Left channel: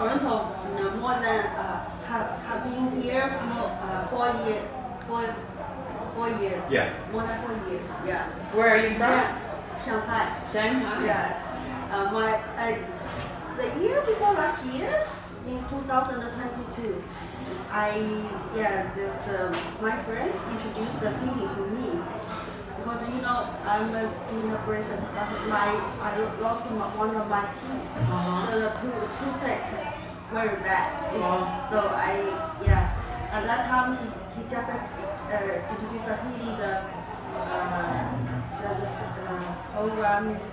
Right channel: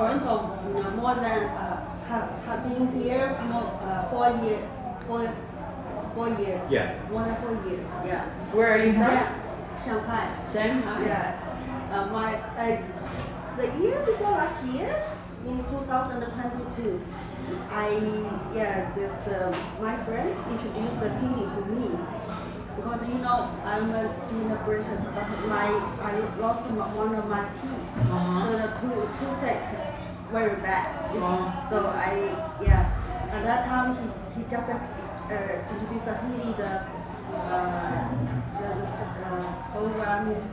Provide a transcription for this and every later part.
Toronto more than have been here more 4 years. 4 years. Yeah. More than 4 years. Yeah. Where are you from? Yeah. Shanghai. Shanghai. Yeah. The year before last year, in 2022, my friend introduced the healing to me. Because I'm in a braces, but I lost one of my teeth, so the toothache very bad. So at that time he just introduced a healing. The program is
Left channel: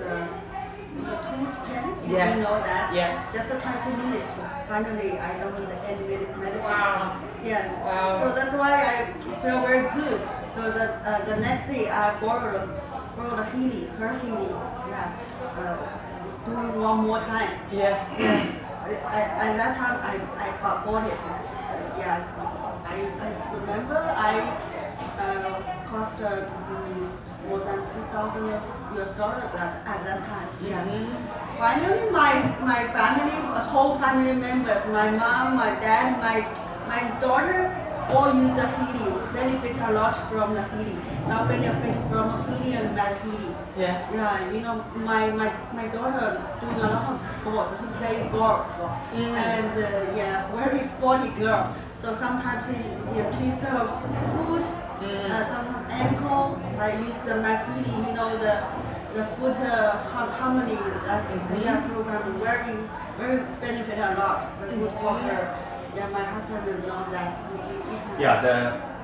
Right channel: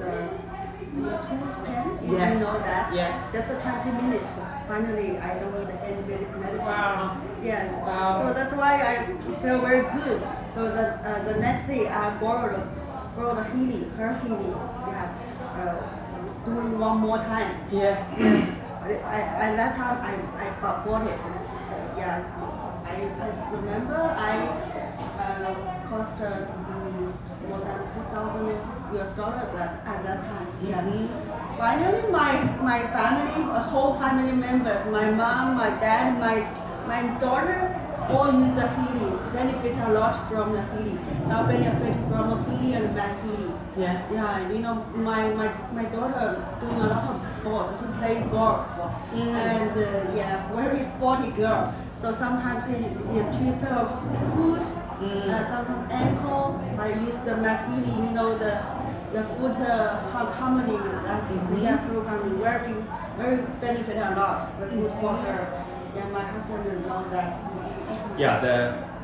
tooth pain. You know that? Yes. Just 20 minutes. Finally, I don't need any medicine. Wow. Yeah. Wow. So that's why I feel very good. So the next day I borrowed her healing. Yeah. Doing one more time. Yeah. At that time I bought it. I remember I cost more than $2,000 at that time. Yeah. Finally, my family, whole family members, my mom, my dad, my daughter, all use the healing, benefit a lot from the healing. Now benefit from the healing and bad healing. Yes. Yeah, my daughter doing a lot of sports. She play golf, and very sporty girl. So sometimes she twist her foot, sometimes ankle. I use the healing, the foot harmony. That's program very benefit a lot, but good for her. Yeah, my husband knows that. Yeah,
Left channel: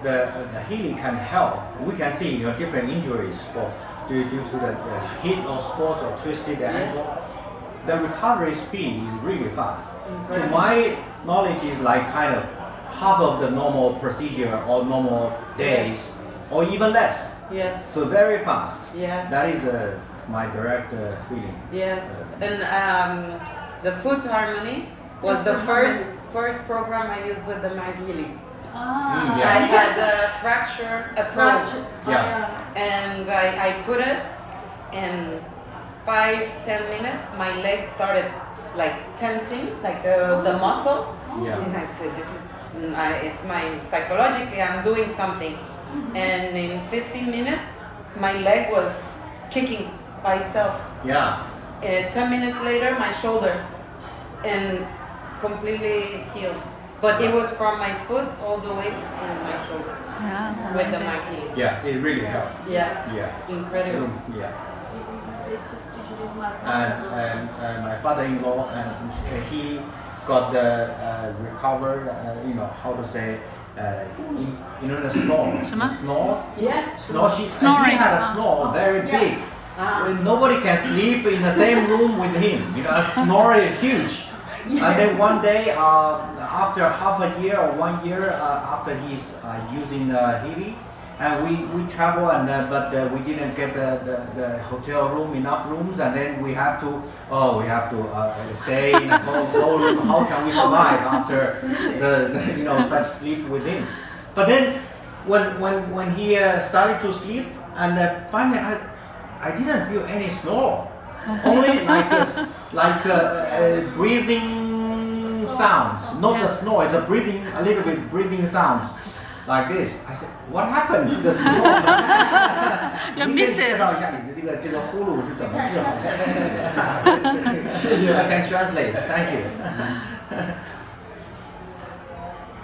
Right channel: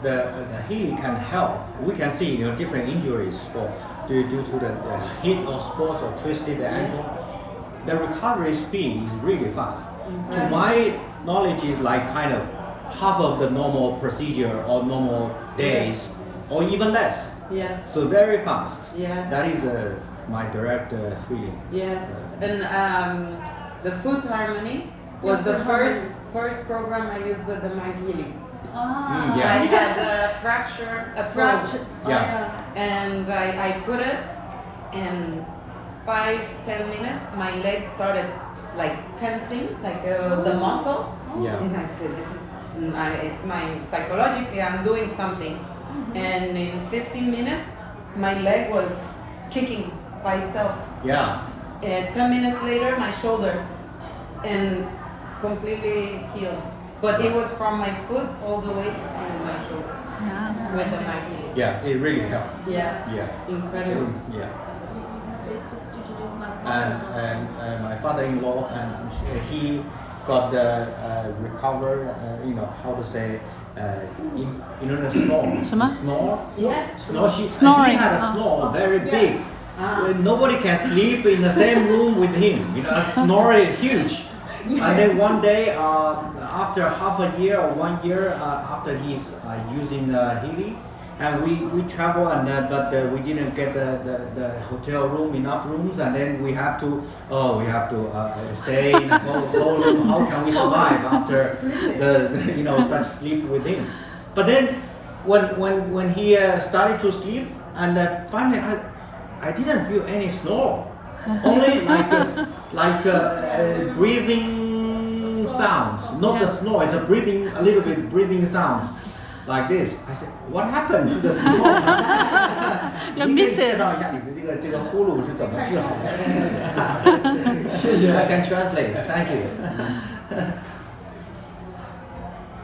the healing can help. We can see different injuries due to the hit of sports or twisted ankle. The recovery speed is really fast. To my knowledge, is like kind of half of the normal procedure or normal days, or even less. Yes. So very fast. Yes. That is my direct feeling. Yes. And the foot harmony was the first program I used with the Mag Healing. Yeah. I had a throat. Yeah. And I put it, and 5-10 minutes, my legs started like tensing, like the muscle. Yeah. And I said, it's psychologically, I'm doing something. And in 15 minutes, my leg was kicking by itself. Yeah. 10 minutes later, my shoulder, and completely healed. But it was from my foot all the way to my shoulder. Yeah, With the amazing. Mag Healing. Yeah, it really helped. Yes. Yeah. Incredible. Yeah. My sisters introduced my And my father-in-law, and he got the recover, how to say, the snore. 什么？ Snore? Yes. Snore. He Snoring. had a snore very big. Nobody can sleep in the same room with him. A snore is huge. And then one day, after half a year or 1 year after he's using Healy, and we travel, but we didn't get the hotel room, enough rooms, and then we have to stay in a whole room. How can we survive after such sleep with him? But then when he started to sleep, and finally I didn't feel any snore, only like breathing sounds, not the snore. It's a little bit breathing sounds. Like this, I said, what happened to the snore? You miss it. 介绍一下你的这个呼噜是怎么治好的？I can translate. Thank you.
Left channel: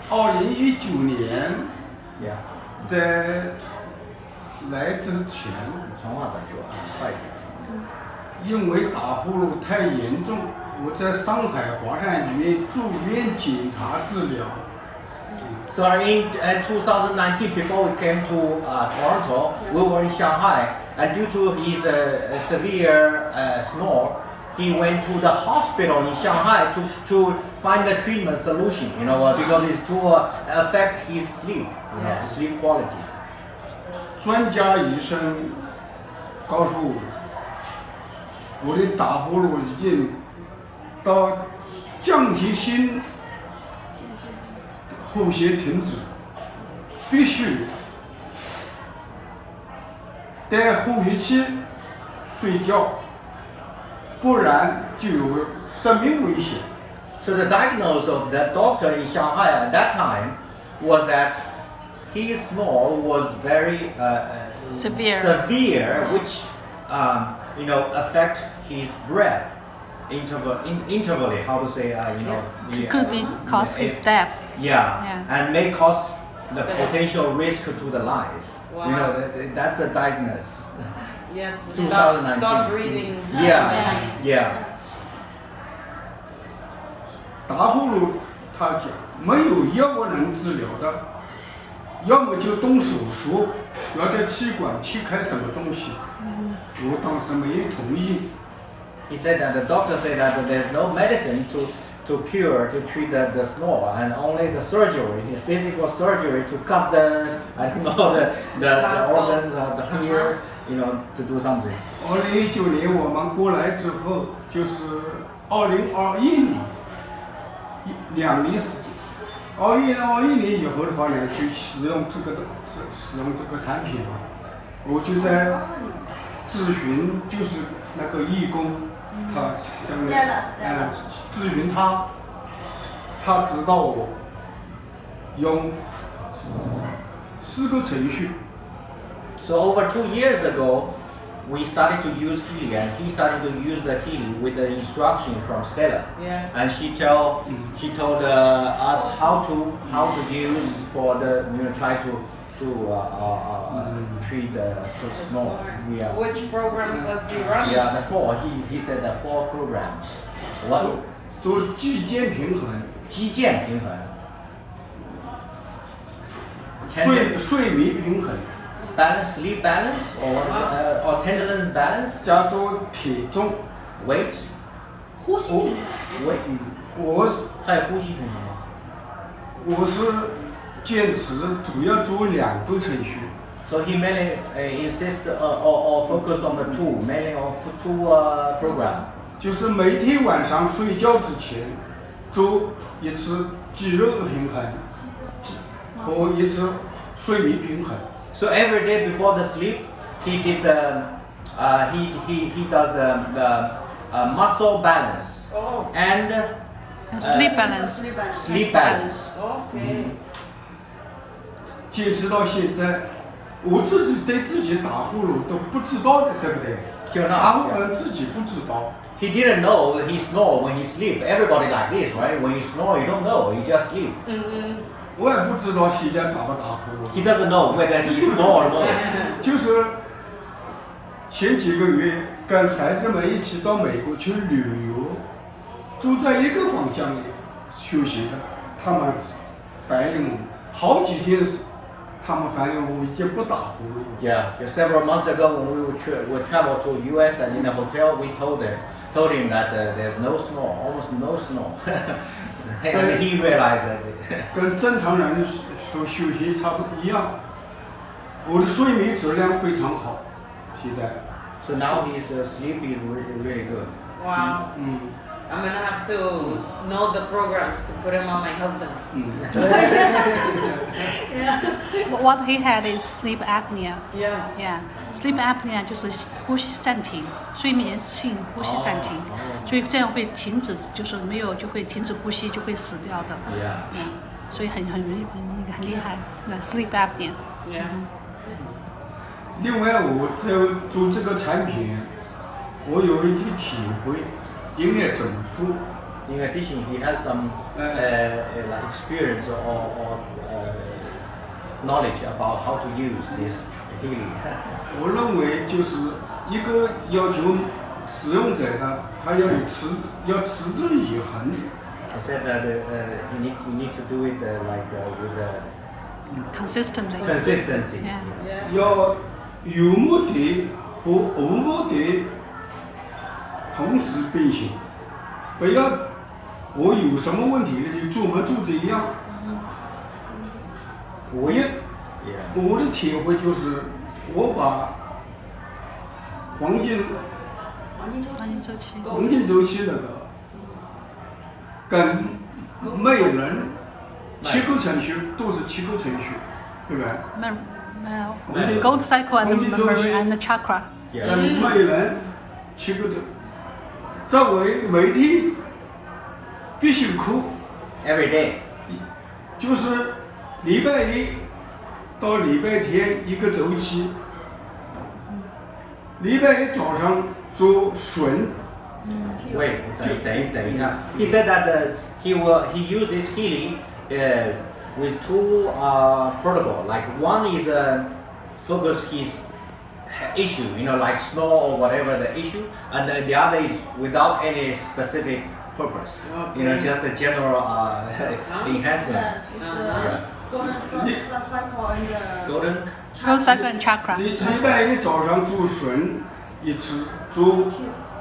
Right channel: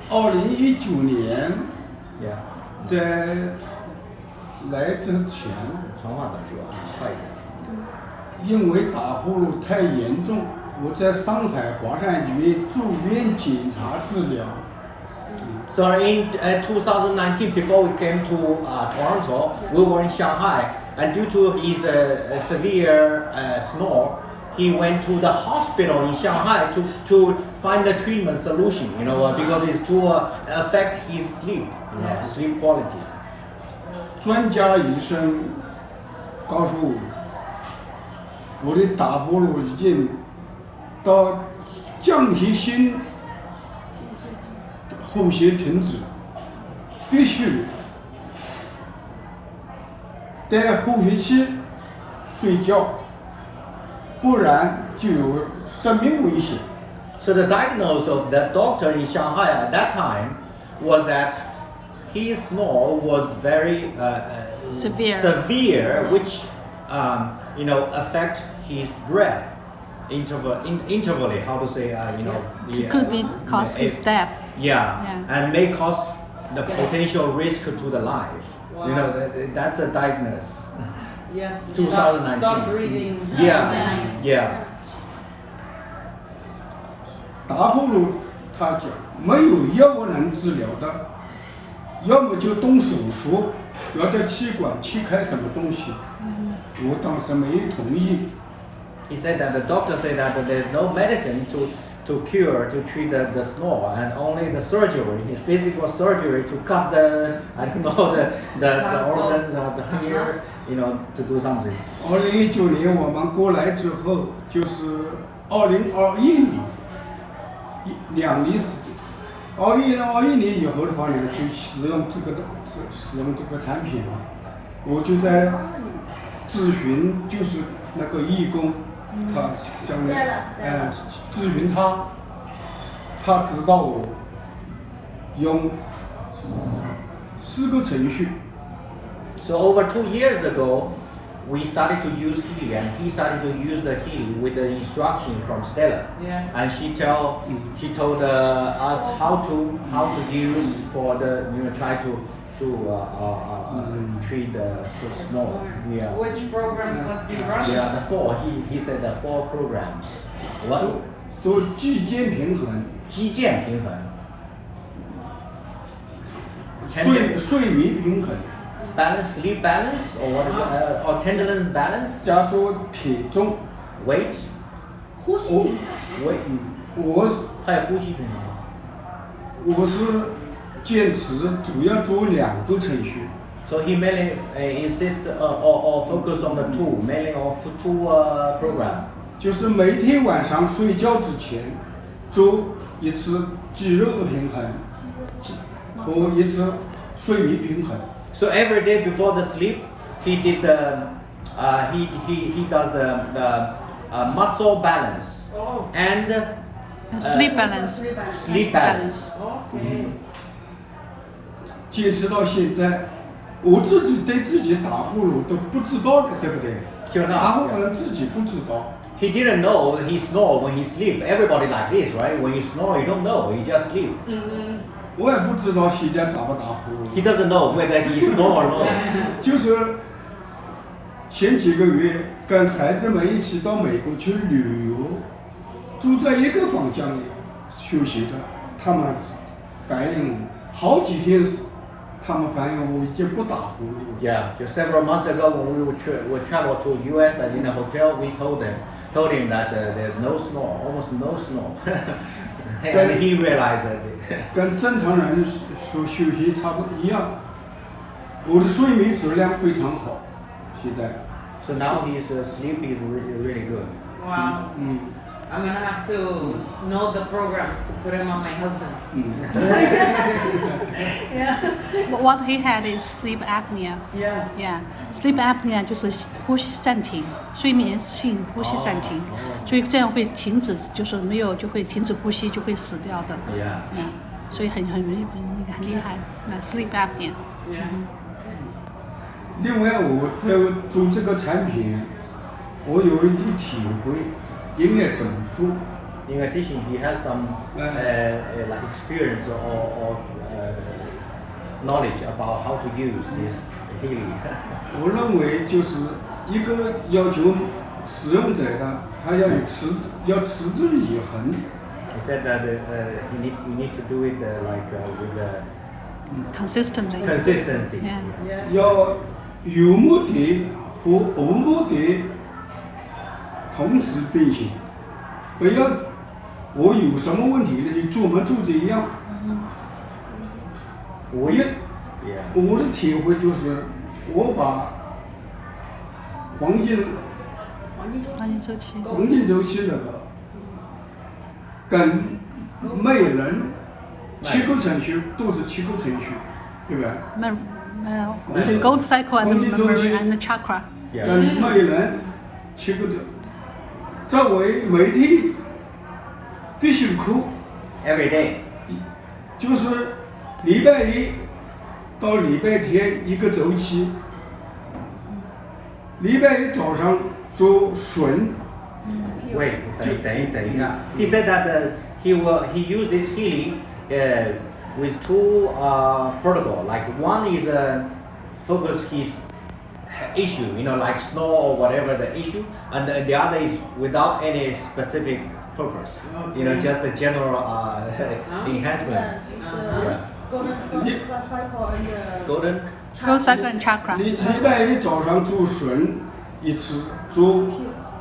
2019年 Yeah. 在来之前，长话短说啊，快一点。因为打呼噜太严重，我在上海华山医院住院检查治疗。 So in 2019, before we came to Toronto, we were in Shanghai, and due to his severe snore, he went to the hospital in Shanghai to find the treatment solution. Because it's to affect his sleep, sleep quality. 专家医生告诉我，我的打呼噜已经到降血性呼吸停止，必须戴呼吸器睡觉，不然就有生命危险。So So the diagnosis of that doctor in Shanghai at that time was that his snore was very severe, which affect his breath intervally. How to say? Could be cause his death. Yeah, and may cause the potential risk to the life. Wow. That's a diagnosis. Yeah. 2019. Stop breathing. Yeah. 打呼噜，他讲没有药物能治疗的，要么就动手术，要在气管切开什么东西。我当时没同意。He said that the doctor said that there's no medicine to treat the snore, and only the surgery, the physical surgery to cut the organs or the ear, to do something. 2019年我们过来之后，就是2021年，2年时间。21年以后的话呢，就使用这个产品嘛，我就在咨询，就是那个义工，他讲的，咨询他指导我用4个程序。So over 2 years ago, we started to use Healy, and he started to use the Healy with the instruction from Stella. Yeah. And she told us how to use for the try to treat the snore. Yeah. Which programs was he running? Yeah, the 4. He said the 4 programs. What? 做肌腱平衡，肌腱平衡。睡眠平衡， balance, sleep balance, or what is it, or tenderness balance, 加做体重。 weight, 呼吸平衡。 weight. 还有呼吸平衡。我是坚持主要做2个程序。So he mainly insist or focus on the 2, mainly on 2 program. 就是每天晚上睡觉之前做一次肌肉的平衡和一次睡眠平衡。So every day before the sleep, he did he does the muscle balance and Sleep balance. sleep balance. Okay. 坚持到现在，我自己对自己打呼噜都不知道的，对不对？就那打呼噜自己不知道。He didn't know that he snore when he sleep. Everybody like this, right? When you snore, you don't know. You just sleep. 我也不知道现在打不打呼噜。 He doesn't know whether he snore or not. 就是前几个月跟孩子们一起到美国去旅游，住在一个房间里休息的，他们反映好几天，他们反映我已经不打呼噜了。 Yeah, just several months ago when we would travel to US and in the hotel, we told him that there's no snore, almost no snore. And he realized that. 跟正常人说休息差不多一样。我的睡眠质量非常好，现在。 So now his sleep is really good. Wow. I'm gonna have to know the programs to put him on my husband. What he had is sleep apnea. Yes. Yeah, sleep apnea 就是呼吸暂停，睡眠性呼吸暂停，所以这样会停止，就是没有就会停止呼吸，就会死掉的。 Yeah. 所以很厉害。那 sleep apnea。 Yeah. 另外，我在做这个产品，我有一些体会，应该怎么做。 In addition, he has some like experience or knowledge about how to use this healing. 我认为就是一个要求使用者的，他要持之以恒。 He said that you need to do it with Consistently. consistency. Yeah. 要有目的和无目的同时并行，不要我有什么问题就做没做这样。我的体会就是，我把黄金周期那个跟每人7个程序都是7个程序，对吧？ The gold cycle and the memory and the chakra. 跟每人7个在为每天必须扣， every day. 就是礼拜一到礼拜天一个周期。礼拜一早上做顺， Wait, 等一下. He said that he used this healing with two protocol. Like one is focus his issue, like snow or whatever the issue, and the other is without any specific purpose. Just a general enhancement. It's golden cycle and Golden. Go cycle and chakra. 礼拜一早上做顺一次，做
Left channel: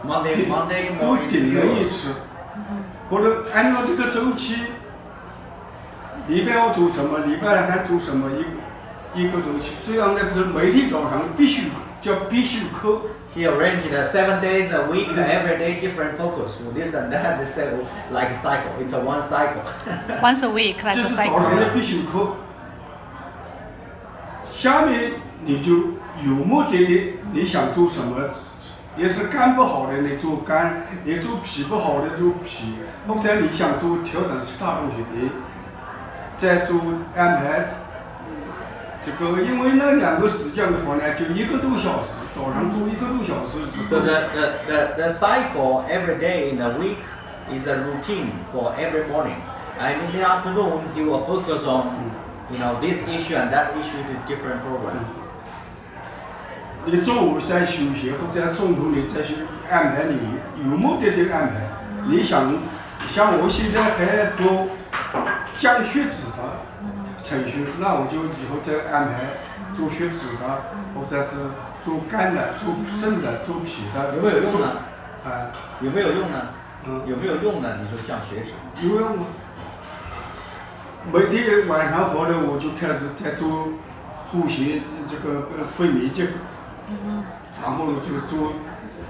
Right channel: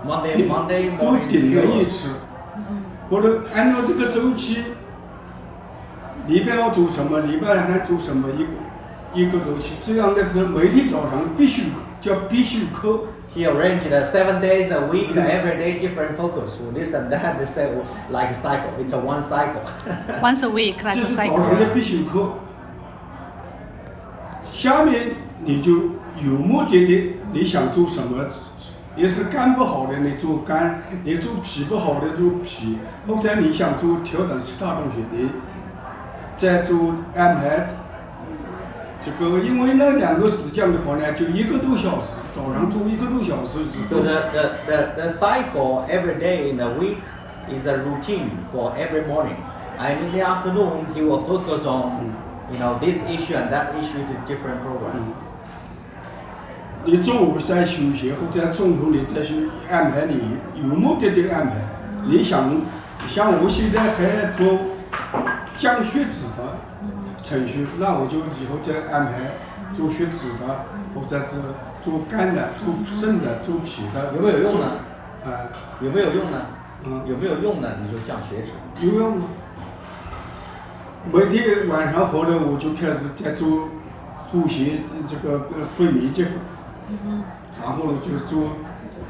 Monday 做 morning. 顶人一次，或者按照这个周期，礼拜二做什么，礼拜三做什么，一个周期，这样的是每天早上必须课。He arranged 7 days a week, every day different focus. So this and that, this like a cycle. It's a one cycle. Once a week, 这 that's a 是早 cycle. 上的必修课。下面你就有目的的，你想做什么？也是肝不好的，你做肝；你做脾不好的做脾，或者你想做调整其他东西，你再做安排。这个因为那2个时间的话呢，就1个多小时，早上做1个多小时。 So the cycle every day in the week is a routine for every morning. And in the afternoon, he will focus on this issue and that issue to different program. 你中午再休息，或者中途你再去安排你有目的的安排。你想，像我现在还做降血脂的程序，那我就以后再安排做血脂的，或者是做肝的、做肾的、做脾的。有没有用呢？有没有用呢？你说降血脂。有用。每天晚上回来我就开始在做呼吸，这个睡眠结合。然后呢，就是做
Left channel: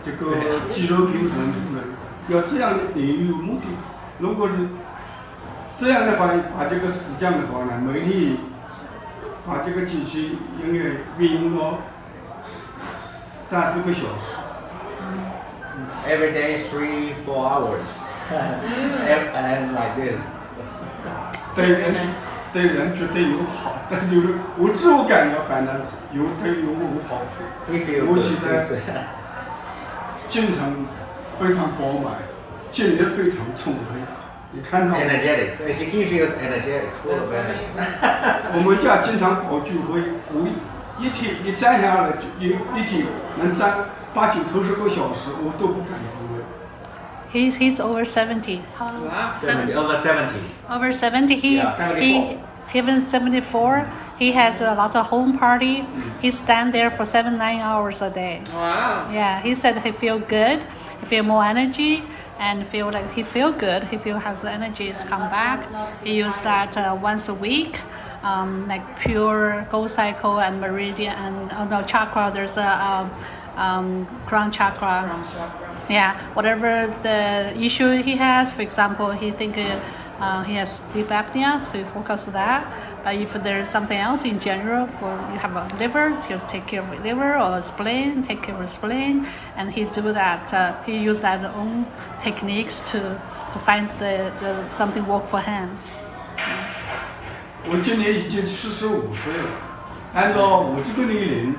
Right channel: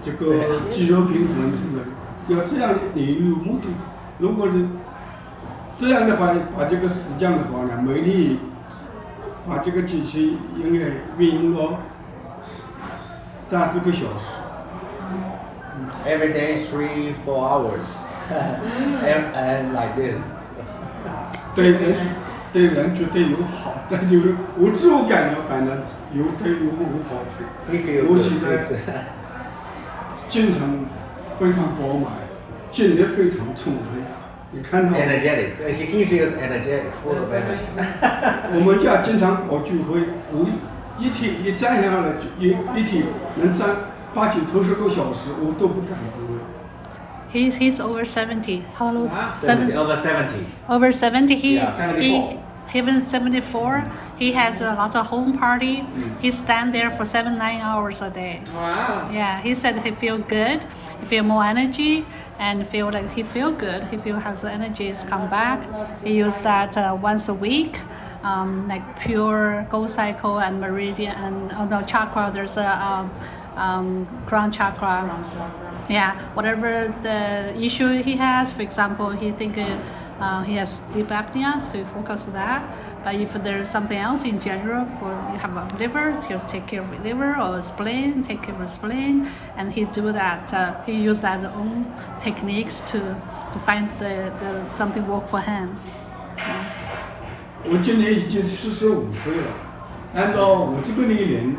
这个肌肉平衡的，要这样你有目的。如果你这样的话，把这个时间的话呢，每天把这个机器应该运用到30个小时。Every day 3-4 hours, and like this. 对人绝对有好，但就是我自我感觉反正有好处。我现在精神非常饱满，精力非常充沛。你看到 Energetic. He feels energetic, full of energy. 我们家经常搞聚会，我一天一站下来就一天能站8、9、10个小时，我都不敢动。He's over 70. How old? Over 70. Over 70. Yeah, 74. Even 74. He has a lot of home party. He stand there for 7-9 hours a day. Wow. Yeah, he said he feel good. He feel more energy and feel like he feel good. He feel has the energy is come back. He use that once a week. Like pure gold cycle and meridian and chakra. There's a crown chakra. Yeah, whatever the issue he has. For example, he think he has sleep apnea, so he focus on that. But if there's something else in general, for you have a liver, he'll take care of liver or spleen, take care of spleen, and he do that. He use that own techniques to find the something work for him. 我今年已经45岁了，按照我这个年龄，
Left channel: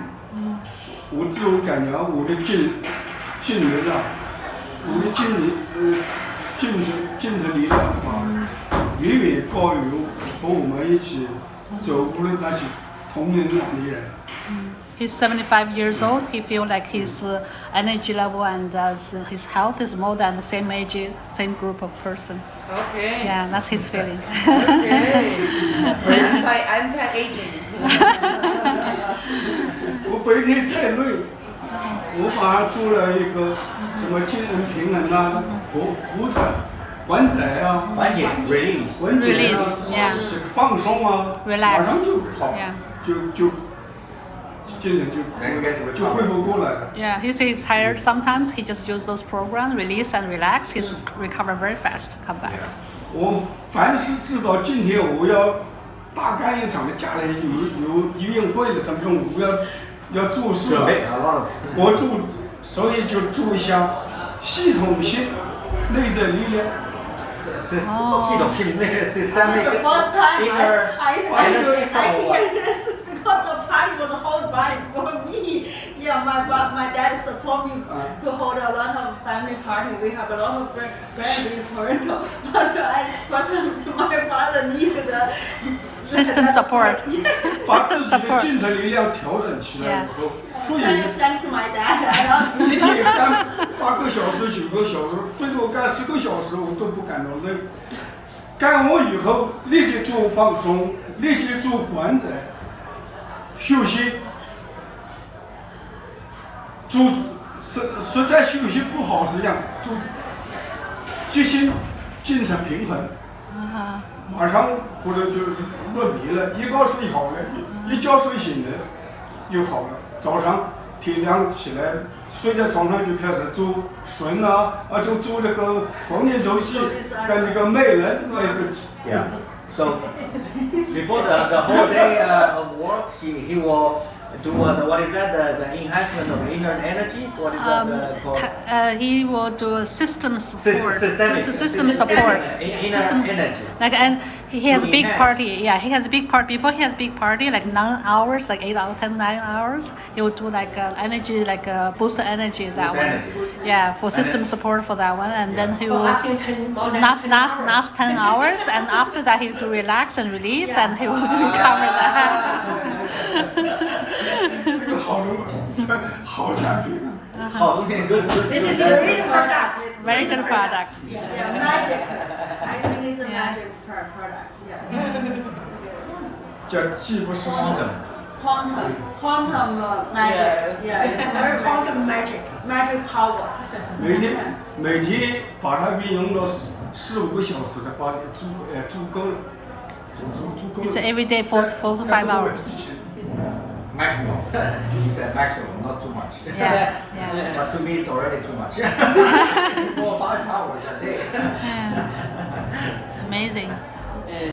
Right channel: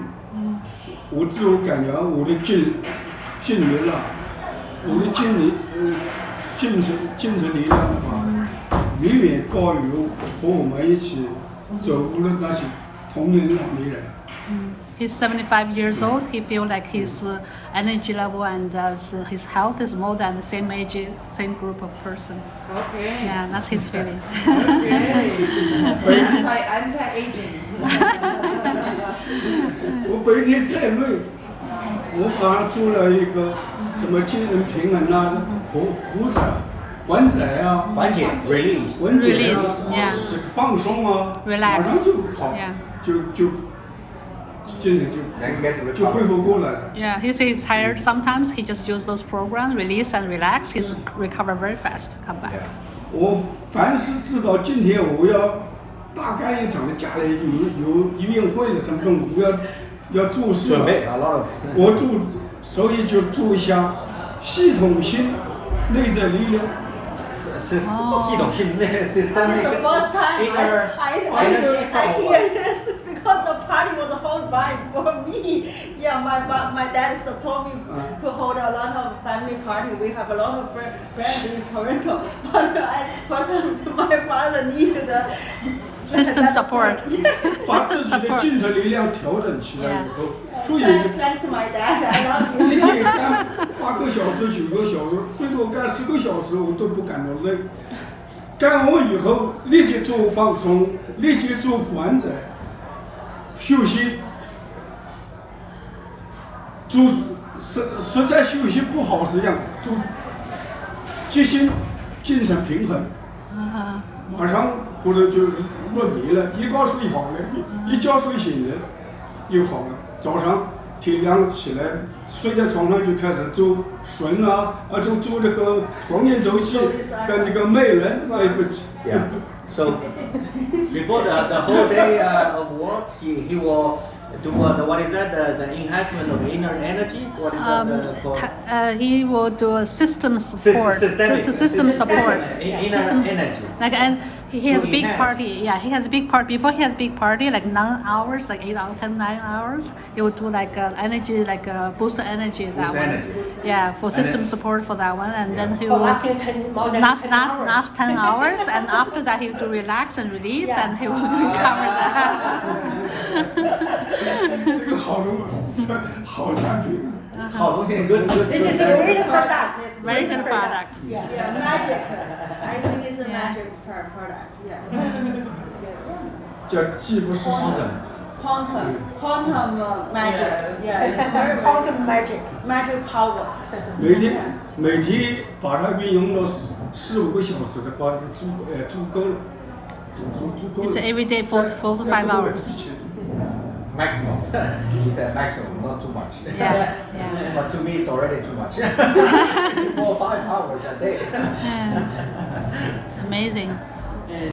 我自我感觉我的精力啊，我的精神力量的话，远远高于和我们一起走过的那些同龄的年人。He's 75 years old. He feel like his energy level and his health is more than the same age, same group of person. Okay. Yeah, that's his feeling. Okay. Anti-aging. 我白天再累，我把它做了一个什么精神平衡啊，缓解啊，缓解 release. 缓解啊 Release, yeah. 这个放松啊， Relax. 马上就好 Yeah. 就精神就恢复过来了。 Yeah, he says he's tired sometimes. He just use those programs, release and relax. He's recover very fast, come back. 我凡是知道今天我要大干一场的家里有医院会的什么东西，我要做事准备 a lot of. 我做，所以就做一下系统性内在力量。系统性那个 systemic It's the first time inner I energy power. hear this because the party was whole right for me. Yeah, my dad support me to hold a lot of family party. We have a lot of friends in Toronto, but first time my father needed the System support. 把自 System 己的 support. 精神力量调整起来以后，所以 Thanks my dad. I love 一 you. 天干8个小时、9个小时，最多干10个小时，我都不感到累。干完以后立即做放松，立即做缓解、休息。做实在休息不好是这样，做即兴精神平衡。晚上或者就是入迷了，一觉睡好了，一觉睡醒了，又好了。早上天亮起来，睡在床上就开始做绳做这个床前周期，跟这个美人那个。Yeah. So before the whole day of work, he will do what is that? The enhancement of inner energy. What is that called? He will do a system support. Systemic. System support. Inner System- energy. Like, and he has a To big enhance. party. Yeah, he has a big party. Before he has a big party, like 9 hours, like 8 hours, 9 hours. He will do like energy, like boost the energy that Boost one. energy. Yeah, for system support for that one, and then he will last 10 hours, and after that he will relax and release, and he will recover that. 这个好产品。好东西，good It's very product. It's Very good product. Yeah, magic. I think it's a Yeah. magic product. Yeah. 叫既不是市政。 Quantum magic. Yeah, it's very quantum magic. Magic power. 每天把它运用到4-5个小时的话，足够了，足够了。 It's every day 4 to 5 hours. Maximum. He said maximum, not too much. Yeah, yeah. But to me, it's already too much. 4 or 5 hours a day. Yeah. Amazing.